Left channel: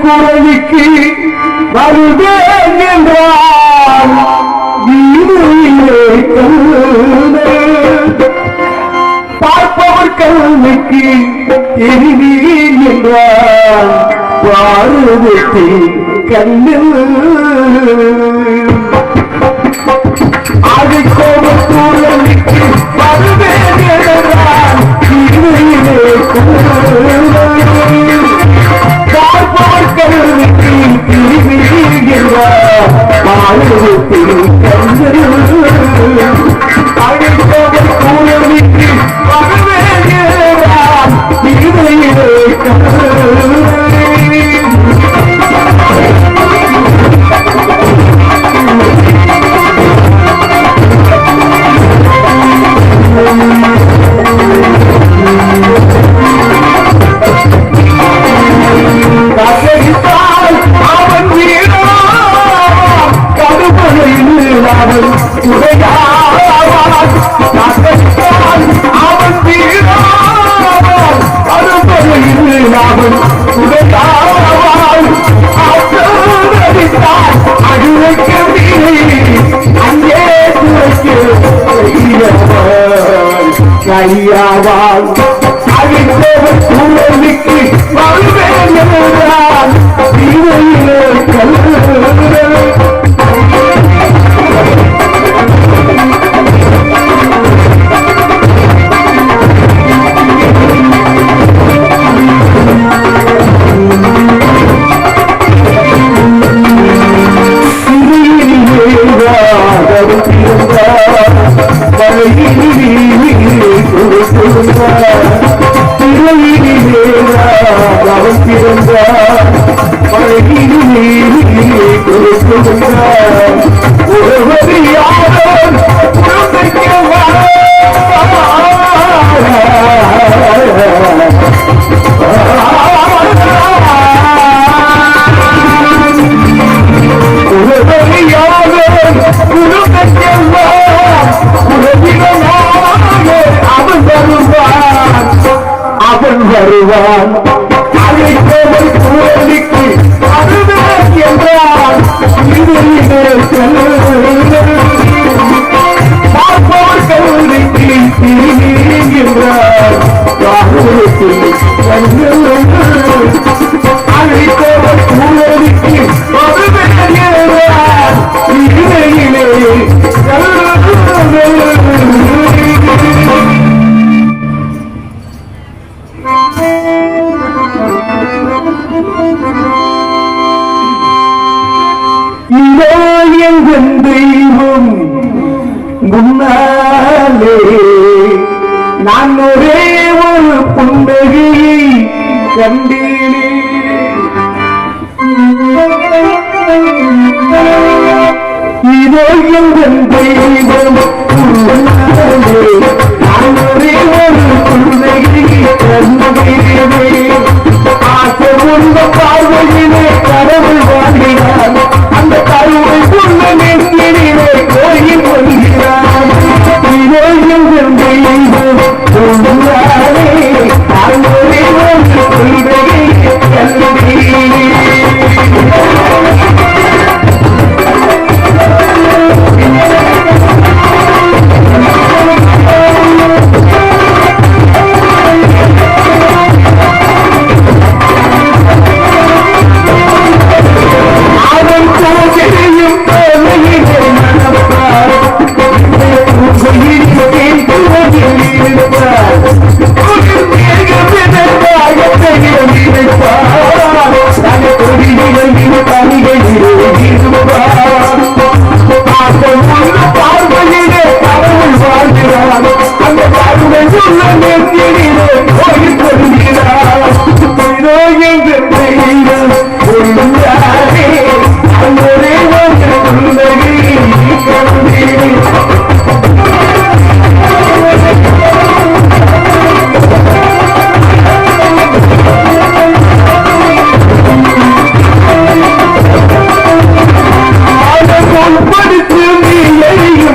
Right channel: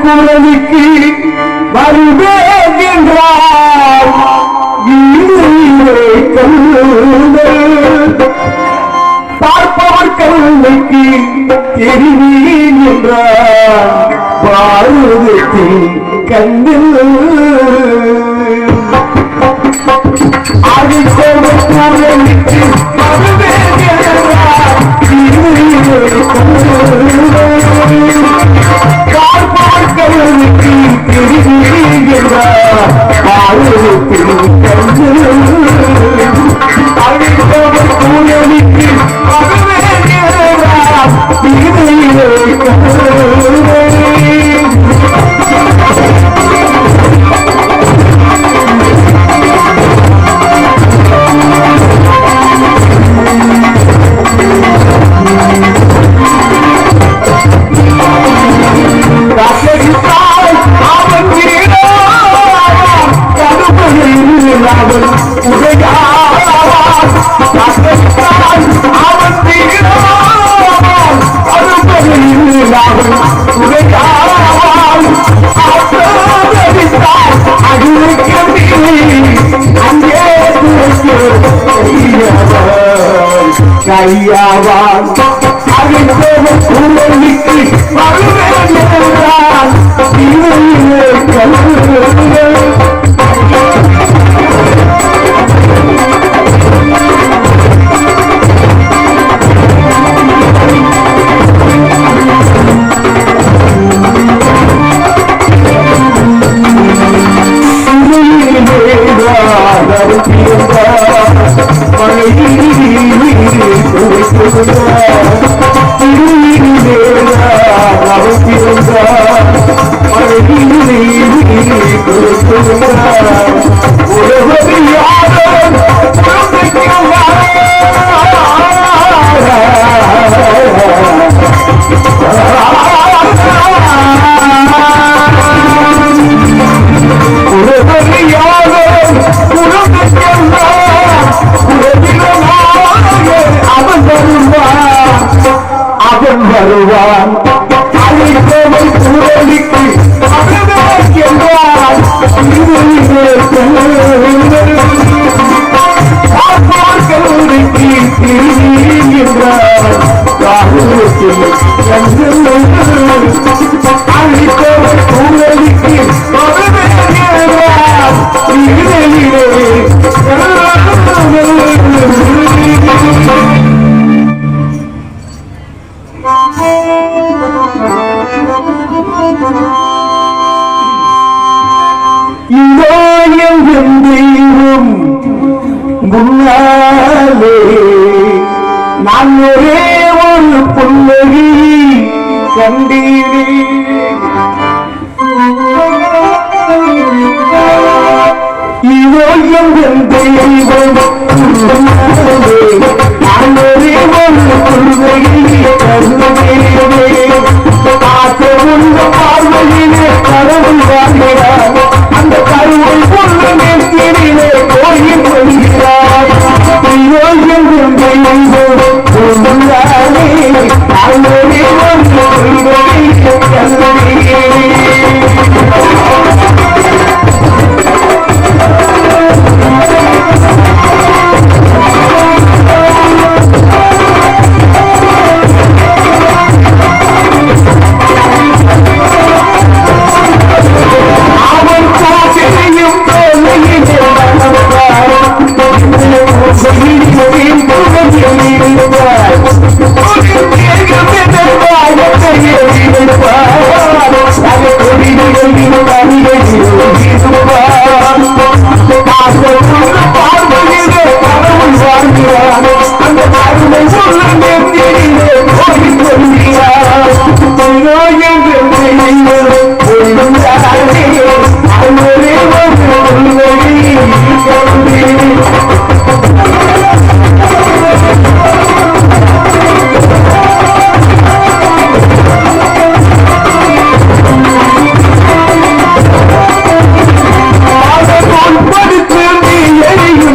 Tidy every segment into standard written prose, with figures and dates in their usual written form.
குரலுக்கு வருவேன் என்றார் பார்ப்பவர் கல்விக்கு தெரிவீன் என்றார் பாரதத்தில் கண்ணில் அடுத்தவர் குரலுக்கு வருவேன் என்றார் பார்ப்பவர்களுக்கு தெரிவிக்கிறார் பாரதத்தில் அழைத்தவர் கூறலுக்கு வருகிறார் வருவான் அழைத்தவர் குரலுக்கு என்றார் கல்லூரிக்கு திரும்புகிறார் அழைத்தவர் குரலுக்கு தெய்வம் முன்னாலே நான் ஒரே ஒரு புன்னகையை கண்டேனே இவையும் தெய்வம் முன்னாலே நான் ஒரே ஒரு புன்னகையை கண்டேனே ஆசை உள்ள பார்வையிலே கடவுள் வாழ்கிறார் அந்த கருவை கொள்ள நெஞ்சிலே கோயில் கொள்கிறார் Hey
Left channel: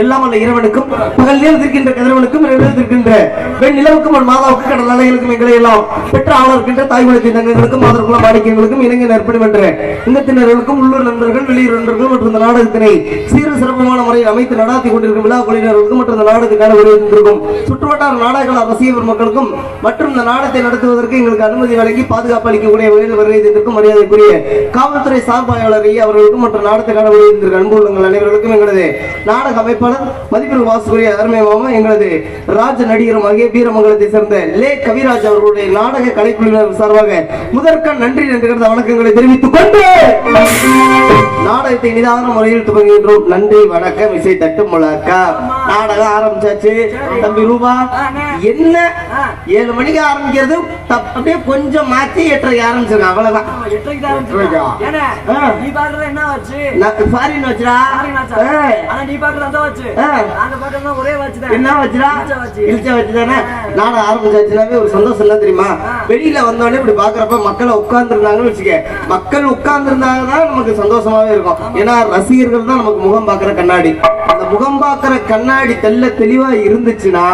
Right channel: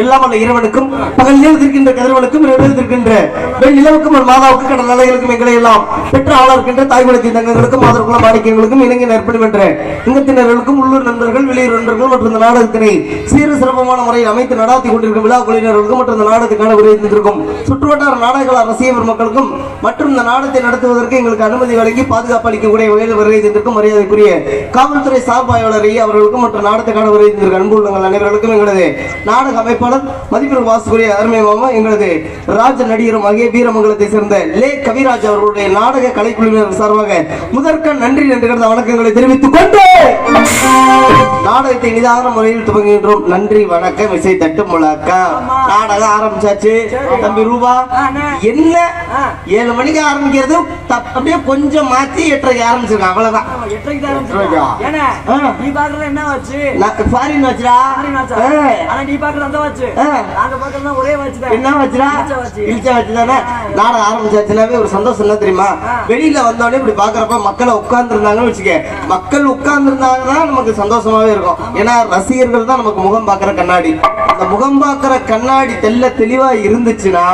எல்லாம் அல்ல இறைவனுக்கும் பகல் நேரத்திற்கின்ற கதிரவனுக்கும் இருக்கின்ற பெண் நிலவுக்கும் மாதாவுக்கு கடல் நிலைகளுக்கும் எங்களை எல்லாம் பெற்ற ஆளா இருக்கின்ற தாய்மொழி தங்கங்களுக்கும் மாதற்குள்ள மாணிக்கங்களுக்கும் இணங்கி நற்பணி என்ற இங்கத்தினர்களுக்கும் உள்ளூர் நண்பர்கள் வெளியூர் நண்பர்கள் மற்றும் இந்த நாடகத்தினை சீர சிறப்பமான முறையில் அமைத்து நடாத்தி கொண்டிருக்கும் விழா குழுவினர்களுக்கும் மற்றும் இந்த நாடகத்துக்கான உரையிருந்திருக்கும் சுற்றுவட்டார நாடக ரசிகர் மக்களுக்கும் மற்றும் இந்த நாடகத்தை நடத்துவதற்கு எங்களுக்கு அனுமதி வழங்கி பாதுகாப்பு அளிக்கக்கூடிய வகையில் வருகைந்திருக்கும் மரியாதைக்குரிய காவல்துறை சார்பாய்வாளரை அவர்களுக்கும் மற்றும் நாடகத்துக்கான உரையிருந்திருக்கும் அன்பு உள்ளவர்கள் அனைவர்களுக்கும் எங்களது நாடக அமைப்பாளர் மதிப்பிற்கு வாசுக்குரிய அருமை மாமா எங்களது ராஜ நடிகரும் ஆகிய வீரமங்கலத்தை சேர்ந்த லே கவிராஜ் அவர்களுடைய நாடக கலைக்குழுவினர் சார்பாக முதற்க நன்றி என்று வணக்கங்களை தெரிவித்துக் கொண்டு நாடகத்தை நிதான முறையில் துவங்குகின்றோம். நன்றி வணக்கம். இசை தட்டு முழக்க நாடகம் ஆரம்பிச்சாச்சு. தம்பி ரூபா என்ன 7 மணிக்கு ஆரம்பிக்கிறது அப்படியே கொஞ்சம் மாத்தி 8:30 ஆரம்பிச்சிருக்கான். அவ்வளவுதான். நாடகம் ஆரம்பிச்சாச்சுனாவே ஒரு சந்தோஷம் இல்ல தெரியுமா? வெளியில வந்தோடனே இப்படி பாக்குறப்ப மக்களை உட்கார்ந்து இருந்தாங்கன்னு வச்சுக்க, மக்கள் உட்கார்ந்து இருந்தாங்கதான் நமக்கு சந்தோஷமாவே இருக்கும். ஏன்னா ரசிகர்கள் தான் நமக்கு முகம் பாக்குற கண்ணாடி. அந்த முகம் பாக்குற கண்ணாடி தெளிவா இருந்துச்சுன்னா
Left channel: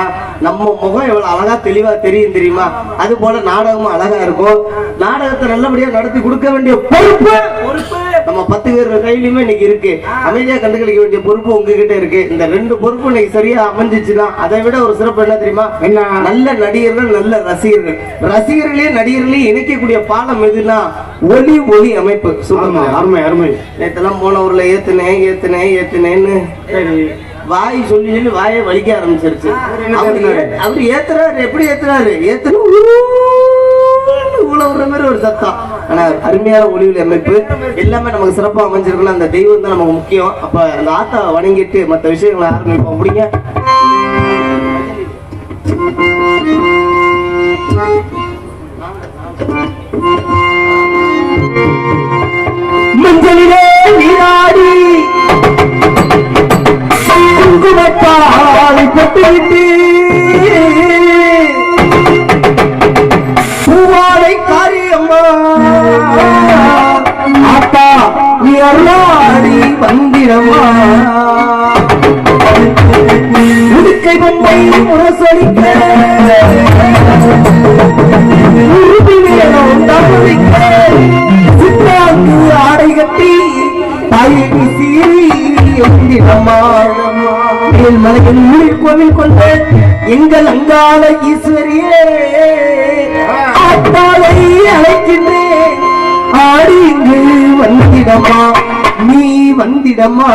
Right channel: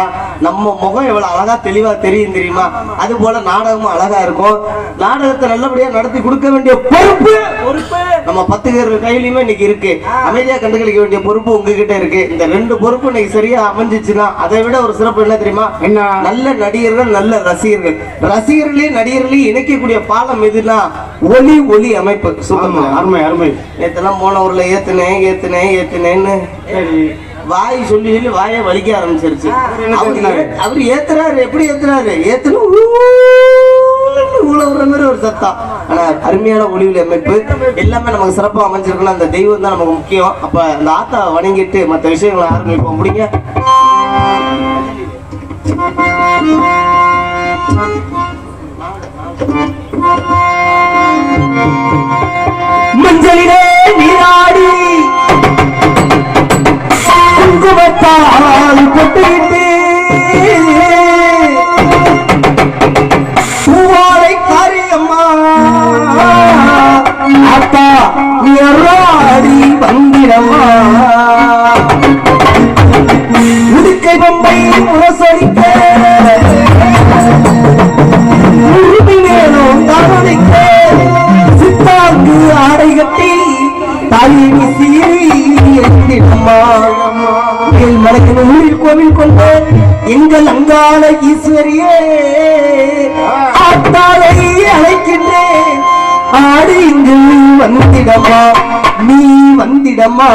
நம்ம முகம் எவ்வளவு அழகா தெளிவா தெரியும் தெரியுமா? அது போல நாடகமும் அழகா இருக்கும். நாடகத்தை நல்லபடியா நடத்தி கொடுக்க வேண்டிய பொறுப்பு நம்ம 10 பேர் கையிலுமே இன்னைக்கு இருக்கு. அமைதியா கண்டுகளிக்க வேண்டிய பொறுப்பு உங்ககிட்ட இருக்கு. இந்த 2 பொறுப்பு இன்னைக்கு சரியா அமைஞ்சிச்சுன்னா அதை விட ஒரு சிறப்பு என்ன தெரியுமா? நல்ல நடிகர்கள், நல்ல ரசிகர்கள், ரசிகர்களையும் நடிகர்களையும் இணைக்கக்கூடிய பாலம் எதுனா ஒலி அமைப்பு. சொல்லுங்க. அருமை அருமை. நேத்தெல்லாம் போன ஊர்ல ஏத்துனேன்னு வாய் சொல்லி வாயை வலிக்க ஆரம்பிச்சிருச்சு. அவரு ஏத்துறாரு. எப்படி ஏத்துறாரு? ஊழ மாதிரி ஒரு சத்தம். ஆனா அருமையான ஒளிவுல அமைப்பு எல்லாமே நமக்கு சிறப்பா அமைஞ்சிருக்கலாம். அந்த தெய்வம் தான் நமக்கு முக்கியம். அப்ப அந்த ஆத்தாவை வணங்கிட்டு மற்ற விஷயங்களை ஆரம்பிப்போம். முடிங்க. மஞ்சளிலே நீராடி குங்குமத்தால் பொட்டுவிட்டு பூவாடை காரியம்மா அப்பா நீ அருளாடி வந்திடம்மா உடுக்கை பொம்மை முரசொலிக்க சித்தாக்கு ஆடை கட்டி தாயை சீரி எந்திடம்மா மலையின் ஊரில் கோவில் கொண்ட எங்கள் அங்காள ஈஸ்வரியே அழைக்கின்றேன். ஆடி இங்கு வந்திடம்மா, நீ வந்திடம்மா.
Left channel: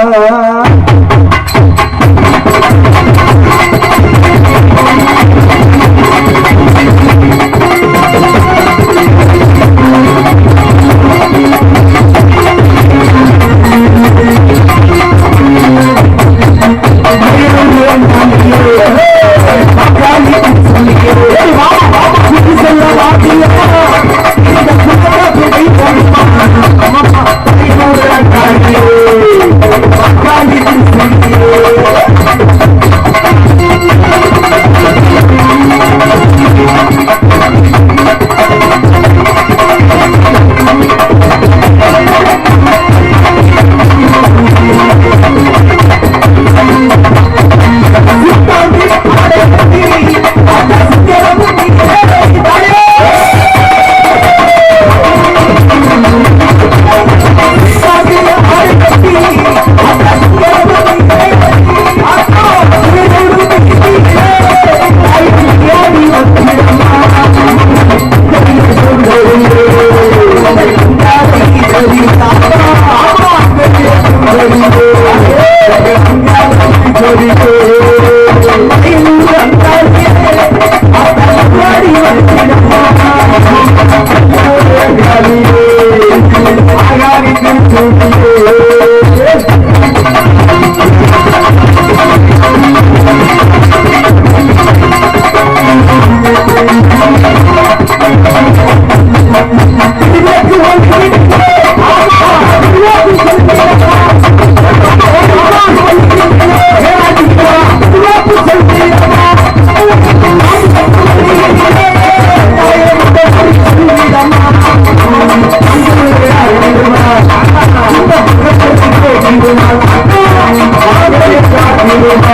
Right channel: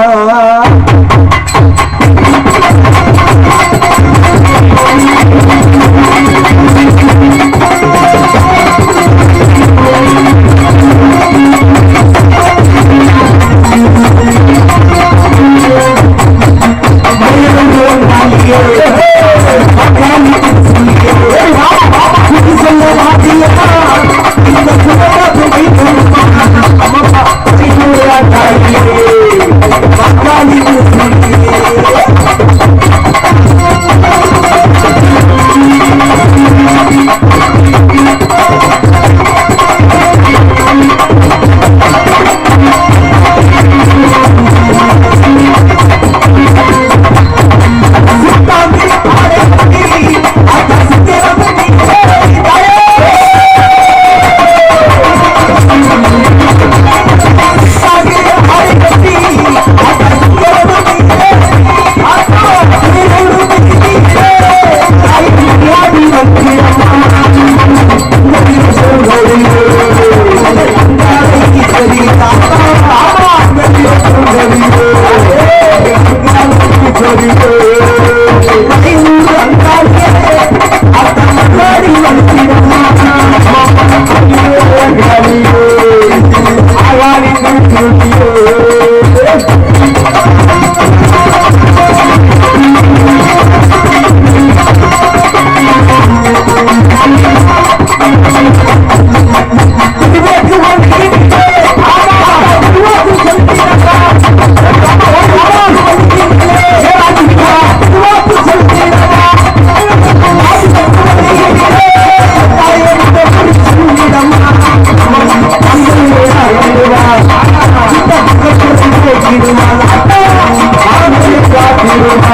Thank you.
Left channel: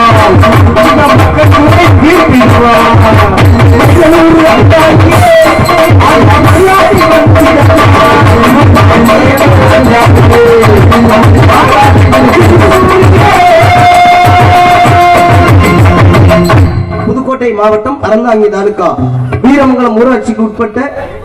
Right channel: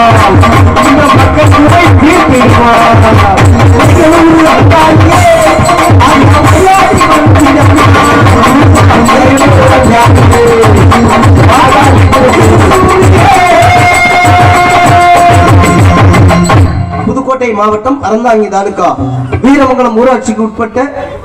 மாவட்டம் அறந்தாங்கி தாலுகா வீரமங்கலம் ஊராட்சிக்கு உட்பட்ட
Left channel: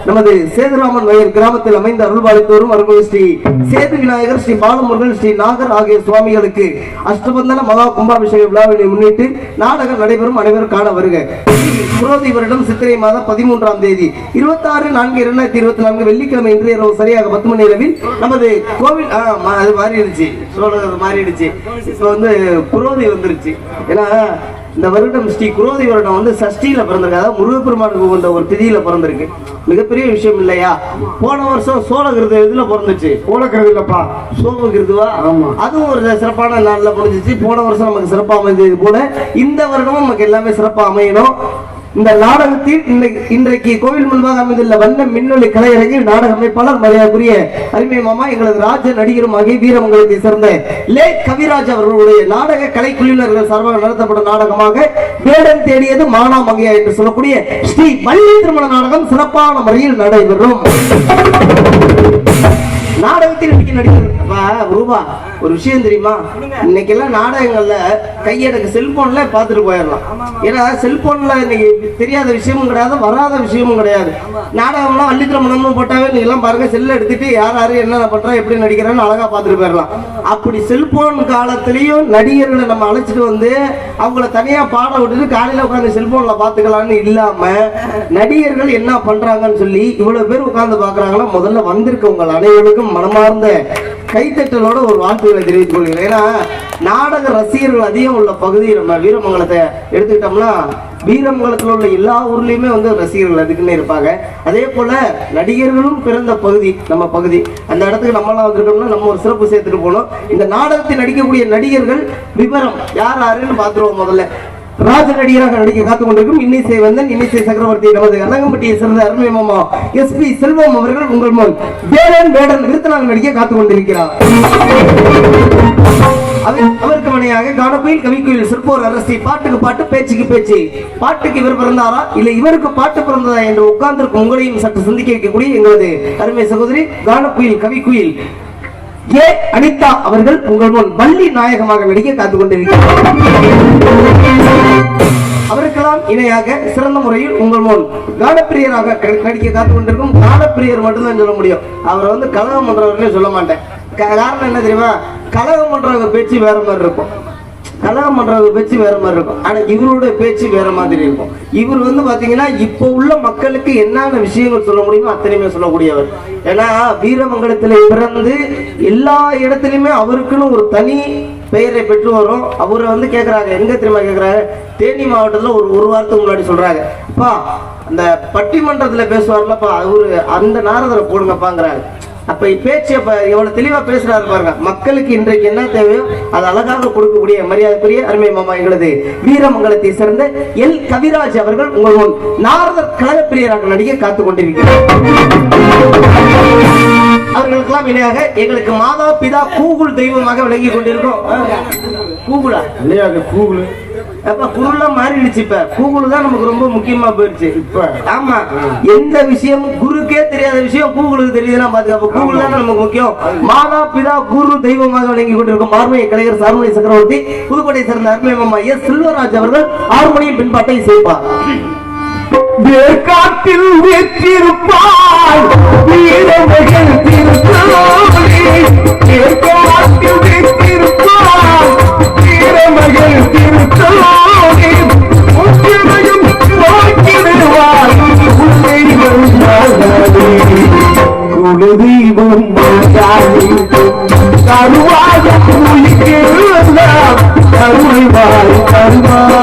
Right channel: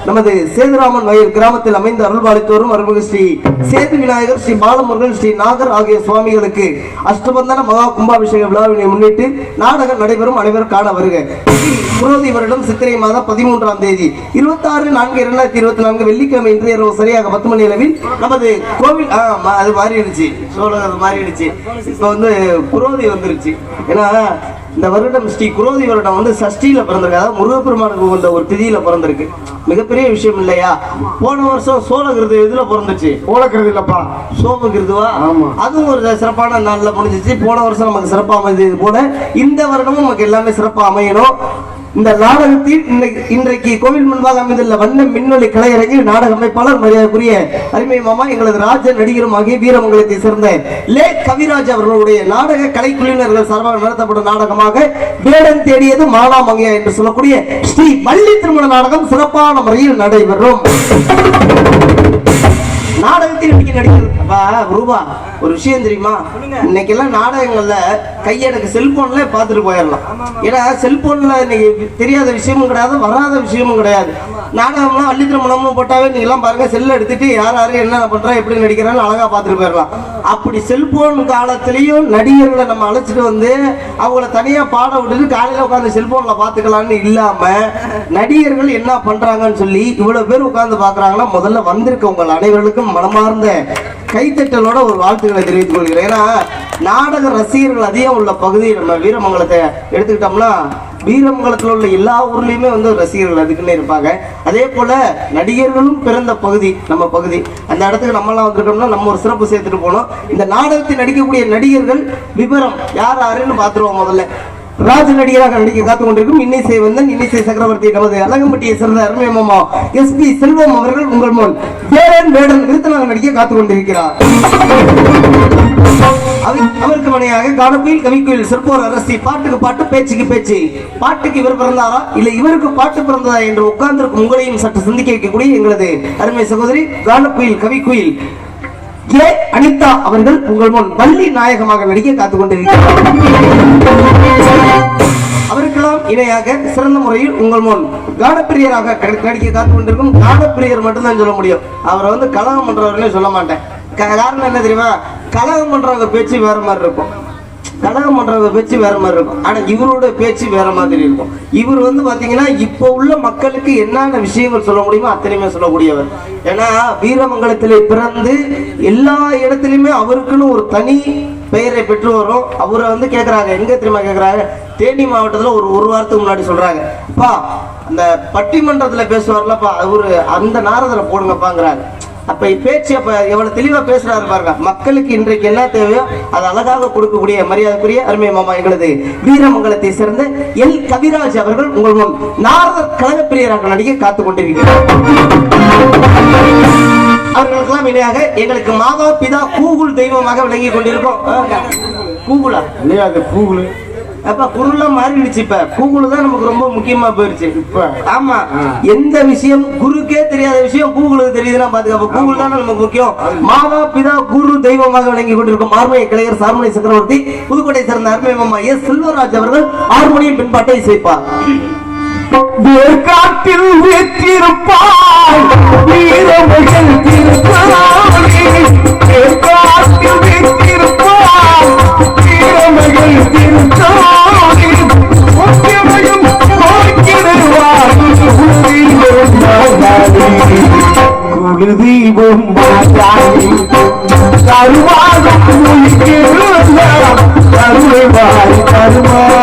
நமது சேதுராமன் வயல் கிராமத்தில் அமைந்த அருள்வாளித்தோறும் அருள்மிகு ஸ்ரீ சேது விநாயகர், ஸ்ரீ பாலமுருகன், ஸ்ரீ நாகர் ஆகிய சுவாமிகளுக்கு அஷ்டபந்தன மகா கும்பாபிஷேக விழாவினை முன்னிட்டு நாடகம் நடைபெறும். அனைவரும் காண வருக. புரோதி வருடம் சித்திரை மாதம் 13ஆம் தேதி 26/4/2024 வெள்ளிக்கிழமை இன்று இரவு சரியாக 10 மணி அளவில் நமது கோவில் அது மாறிடுச்சு, சோழகர் மாறிடுச்சு. இப்ப வந்து புரோதி வந்துருச்சு. ஏன்னா இந்த வருடம் ஸ்ரீ குரோதி வருடம் வந்து சஷ்டியில பிறந்திருக்கு, அதாவது முருகப்பெருமானுக்கு கொண்ட ஒரு திதியில பிறந்திருக்கு. மிகப்பெரிய விஷயம் இல்லையா? போன வருஷம் சோழகிருது எதுல பிறந்துச்சு? சோழகிருது இல்லப்பா, சோமகிருதுவா? அதுவும் ஒரு சிறப்பான நாள்ல முடிஞ்சிச்சு. போன வருஷம் நமக்கு சிறப்பா அமைந்தது போல இந்த வருடமும் நமக்கு எல்லாமே சிறப்பா அமையணும். இந்த நாடகத்தில் இன்றைக்கு கோவில் முன்பாக அமைந்துள்ள வண்ண மின்னொலி கலையரங்கில் நாடக அமைப்பாளர் மரியாதைக்குரிய அருமை மாமா எங்களது ராஜ நடிகரும் ஆகிய வீரமங்கலத்தை சேர்ந்த லே கவிராஜ் அவர்களுடைய நாடக கலைக்குழுவினர்கள் சார்பாக நடத்தப்படும் நாடகமாக வேடன் தேடியது மானாமங்கையா என்று சொல்லக்கூடிய ஸ்ரீ வள்ளி திருமண நாடகம் சிறப்பான முறையில் நடைபெறும். நாடகத்தில் இன்னைக்கு நடிக்கிறது ரூபா ஒரு விஷயம் தெரியுமா? இன்னைக்கு எல்லாம் நாடகங்கள்ல கையெடுக்க செல்போன்ல பாத்துட்டு போயிடலாம். ஏன்னா செல்போன்ல இன்னைக்கு தெரியாத விஷயமும் கிடையாது, வராத விஷயமும் கிடையாது. நாடகம்லாம் வள்ளி திருமணமும் போட்டாவே நீங்க எல்லாம் பாருங்க, செல்ல எடுத்துட்டு யார் யாரு என்ன பண்றா எப்படி நடிக்கிறான்னு அழகா பாத்துட்டு போயிடலாம். அப்படி செல்போன் காலத்திலையும் நடிகர்களை நம்ம அழைச்சிட்டு வந்து அவங்கள தனியா பாட விட்டுட்டு காலையில உட்காந்து செல்போன்ல பாத்துக்கலாம்னு இல்லாம நடிகர்கள் என்ன பண்றாங்கன்னு சொல்லி இவ்வளவு பேர் உட்கார்ந்து பாக்குறாங்கன்னா முதல்ல வந்திருக்க உங்கள் அனைவருக்கும் மனமார்ந்த கைத்தட்டலோட ஒரு வாழ்த்துக்களை தெரிவித்துக் கொள்கிறேன். ஏன்னா நாடக ரசிகர்கள் அதிகம் உள்ள பகுதி நம்ம வீரமங்கலத்தை எடுத்துக்கிட்டோம்னா வீரமங்கலத்தில் உள்ள எல்லா ஊர்லயுமே வந்து ரசிகர்கள் அதுக்குன்னு இருப்பாங்க. அதே போல நடிகர்களும் பிறந்த பகுதி நம்ம பகுதி. அந்த இடத்துக்கு நம்மளாம் வந்துட்டோம்னா நம்ம ஒரு சிறப்பு சேர்த்துட்டு போனோம். இந்த நாடகத்தில் நடிக்கக்கூடிய நடிகர்கள் விவரம் யார் யாருன்னு பார்த்துருவோம். முதல்ல ராஜ நடிகராக நடிக்க காத்துக் கொண்டிருக்கும் இன்னிசை வந்தன் இன்னிசை சக்கரவர்த்தி நமது அலங்கம்பட்டியை சேர்ந்த அருமை மாமா SP செல்வம் அவர்கள் உங்கள் முன் வேடன் விருத்தனாக நடிக்க காத்துக் கொண்டிருக்கிறார். அவருக்கு மணியாக கானக்குயில் கவிக்குயில் சிற்போர் அரசி பாட்டுக்கு பாட்டு பேச்சுக்கு பேச்சு. பாட்டுக்கு இவர் பிறந்தாரா இல்ல இவருக்கு பாட்டு பிறந்ததா என்று உட்கார்ந்திருக்கும் உங்களையும் சற்று சிந்திக்க வைக்கக்கூடிய எங்களது அருமை சகோதரி கானக்குயில் கவிக்குயில் அனிதா அவர்கள் உங்கள் முன் வள்ளி நாயகமாக நடிக்க காத்துக் கொண்டிருக்கிறார். அவருக்கெல்லாம் இணையாக சிறந்த முறையில் உங்கள் முன் கானப்பிரியராக நடிக்க காத்துக் கொண்டிருக்கும் கானப்பிரியர் மட்டும்தான் சொல்ல முடியும். அவரை வந்து கலகம் பண்றவர்களே சொல்ல மாட்டேன். காரணம் என்ன தெரியுமா? கலகம் பண்றவங்க பேச்சு வேற மாதிரி இருக்கும், கலகம் பண்றவங்க பேச்சு வேற மாதிரி இருக்கும். ஆனா இவரோட பேச்சு வேற மாதிரி இருக்கும். இவர் வந்து பாத்தீங்கன்னா இப்போ உள்ள மக்களுக்கு என்னென்ன விஷயங்கள் சொல்ல முடியுமோ அத்தனையுமே சொல்லக்கூடியவர். ஏன்னா வீரமங்கலத்திலே பிறந்து எல்லா இடத்துலயுமே அவருக்குன்னு ஒரு தனி பெயரை பெற்று வரும். அவரை வந்து கேட்கறாங்க, எங்க தெரியுமா கேட்கறாங்க? தேனி மாவட்டத்துல ஒரு வாரத்துக்கு முன்னாடி சொல்றாங்க, அப்பா அந்த பட்டிமன்றத்துல பேசுவார்லப்பா அவரு அந்த நாரதரை போடுங்கப்பாங்கிறாங்க. அப்ப பேச்சு அப்ப எவ்வளவு தெளிவா பேசுறாரு பாருங்க. மக்களுக்கு இன்றைக்கு என்ன தேவையோ அது அழகாக கொடுக்கக்கூடிய மரியாதைக்குரிய அருமை மாமா எங்களது வீரமங்கலத்தை சேர்ந்த எல் கவிராஜ் அவர்கள் உங்கள் முன் நாரதர் கழகப்பிரியராக நடிக்க காத்துக் கொண்டிருக்கிறார். அவர்களுக்கெல்லாம் இணையாக எங்களுக்கு மாதா பிதா கூகுள் தெய்வமாக விளங்கி கொண்டிருக்கோம். கூகுளா இல்லையா? கூகுள் அப்ப குருலாம் மாறிடுச்சு. இப்ப கூகுள் தான் நமக்கு ரொம்ப முக்கியமா போயிருச்சு. இப்ப ஆமா, எந்த விஷயம் குருக்கே தெரியாத விஷயம் கூகுளுக்கு தெரியுதுன்னா பாத்துக்க. அப்ப கூகுள் தான் நமக்கு முக்கியம். மாதா பிதா குரு தெய்வமாக விளங்கி கொண்டிருக்கும் ஆர்மனை கலைஞர் சார்மனை சக்கரவர்த்தி புதுக்கோட்டை சேர்ந்த அருமை மாமா எஸ் செல்வராஜ் அவர்கள் ஆர்மோனியம் பின்பாட்டை சேர்ப்பார். காட்டில் வீற்றிருப்பாய் வீரமகள் குழுதீபம் கருவாக கருவாய் கருமானி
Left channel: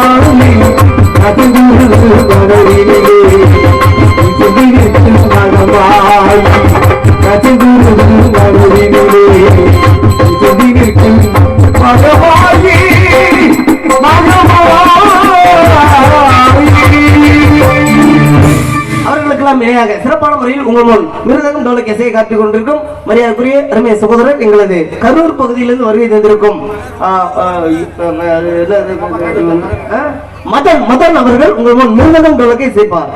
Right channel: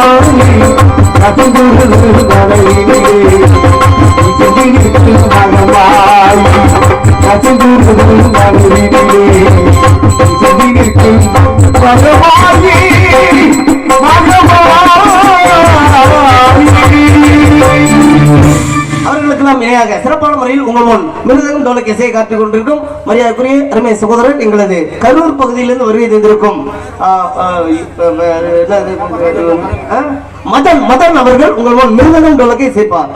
அவர்களுக்கெல்லாம் இணையாக சிறப்பான முறையில் உங்கள் முன் மிருதகம் டோலக் இசையை காட்டிக் கொண்டிருக்கும் மரியாதைக்குரிய அருமை சகோதரர் எங்களது கரூர் பகுதியிலிருந்து வருகை தந்திருக்கும் மதன் அவர்கள் உங்கள் முன் மிருதகம் டோலக்கை சேர்ப்பார்.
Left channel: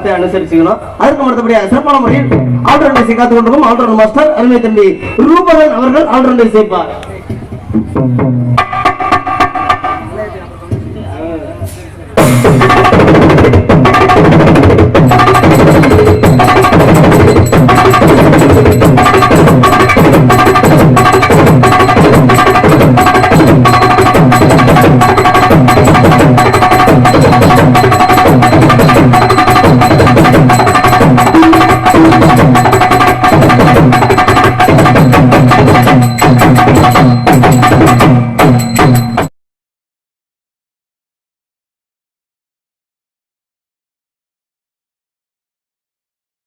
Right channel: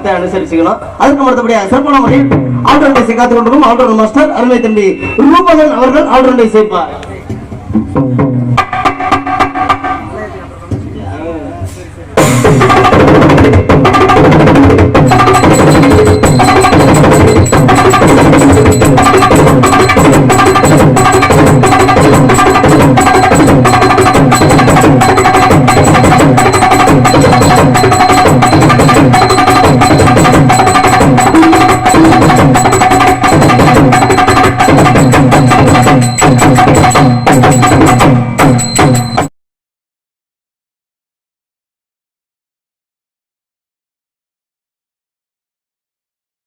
பார்த்து அனுசரிச்சுக்கணும். அதுக்கு மற்றபடியாக சிறப்பான முறையில் ஆல்ரவுண்டை காத்துக் கொண்டிருக்கும் ஆல்ரவுண்ட் மாஸ்டர் அருமை தம்பி ரூபகன் அவர்கள் ஆல்ரவுண்டை சேர்ப்பார்.